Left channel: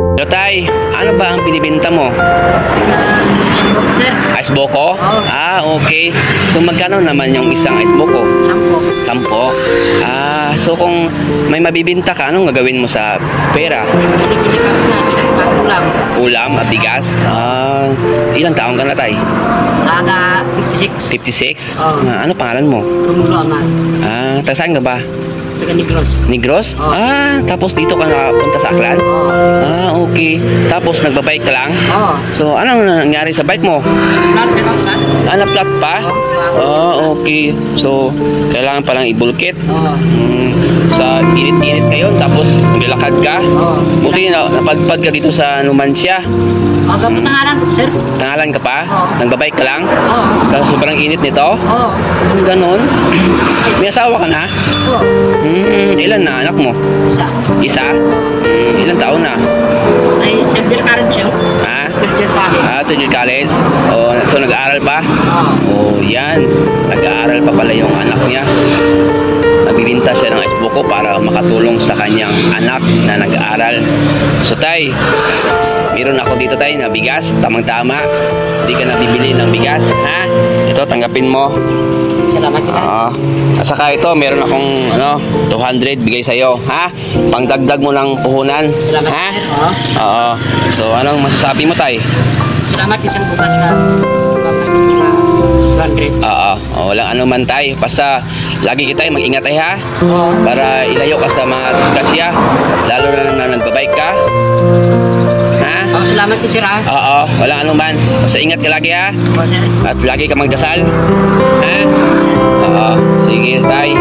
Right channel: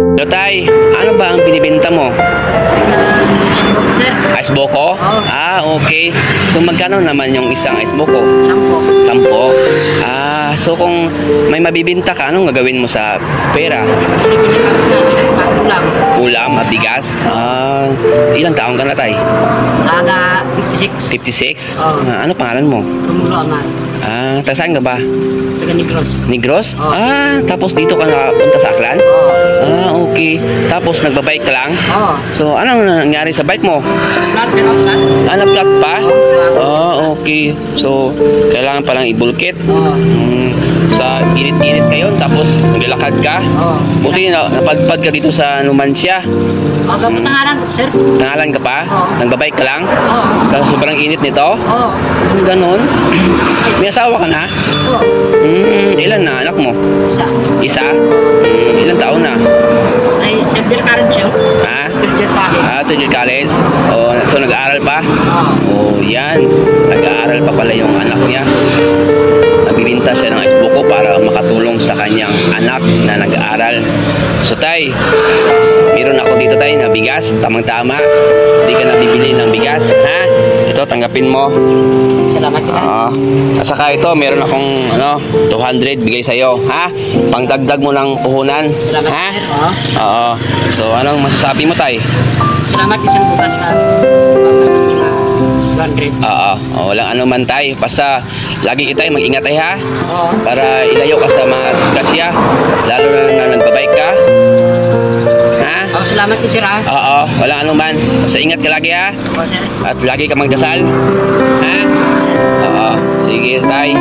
So tay, ano ba ang binibenta mo? Sir, Ice boko? Oo. Ah, okay. So magkano naman yung isang ice boko? 10. 10. Ah, so kung may mabibinta ka, anong gagawin mo sa pera? Bili-bili kami na ulam. Ulam at bigas? Ah, ilang taong ka na tay? Aga 56. 56? Oo. Ah, ano pangalan mo? Romulo Amar. Ah, taga saan ka ba? Taga Negros. Negros? Oo. Ah, tapos dito ka nakapunta sa Aklan? Oo. Ah, okay. Tapos nagbabike ka lang? Oo. So, anong nangyari sa bike mo? Flat, sir, flat. Ah, na-flat pa? Ah, okay. So, kailangan palang ibulkit. Oo. Sa init-init ngayon, tapos naglalakad ka. Oo. Buti na napadpad ka dito sa Numancia. Aga po tangalan po, sir. Nangalan ka pa? Oo. Nagbabike ka lang? Oo. Sa sobrang init nito? Oo. Ganon. May asawa ka na? Oo. Ilan na anak mo? Isa. Isa? Ilan taon na? Ay, third ka rin siya. Ha? Third ka rin. Ah, to your college? Oh, so nag-aaral pa? Oo. Oh, yan. Nag-aaral pa pala yung anak niya. Nagbibinta siya ng ice buko para makatulong sa kanyang anak na nag-aaral. So tay, meron ako dito tay na bigas, tamang-tama. Hindi ka nabibili ng bigas, ha? Ito, tanggapin mo. Salamat kita. Oo. At saka ito, meron akong 200 bigay sa'yo, ha? Pangdagdag mo ng puhunan, Salamat, ha? sir. Oo. Oo. So, anong masasabi mo tay? Salamat isang bukas ka. Bukas ka 200. Oo. Walang ano man tay. Basta, lagi kita mag-ingat tay, ha? Oo. Para ilayo ka sa mga disgrasya, lalo na nagbabike ka. Ha? Oo, salamat din, sir, ha? Oo, walang anuman. Basta ingat ka lagi, ha? Oo, sir. At lagi ka magdasal. Ha? Sir. Oo, sige tay.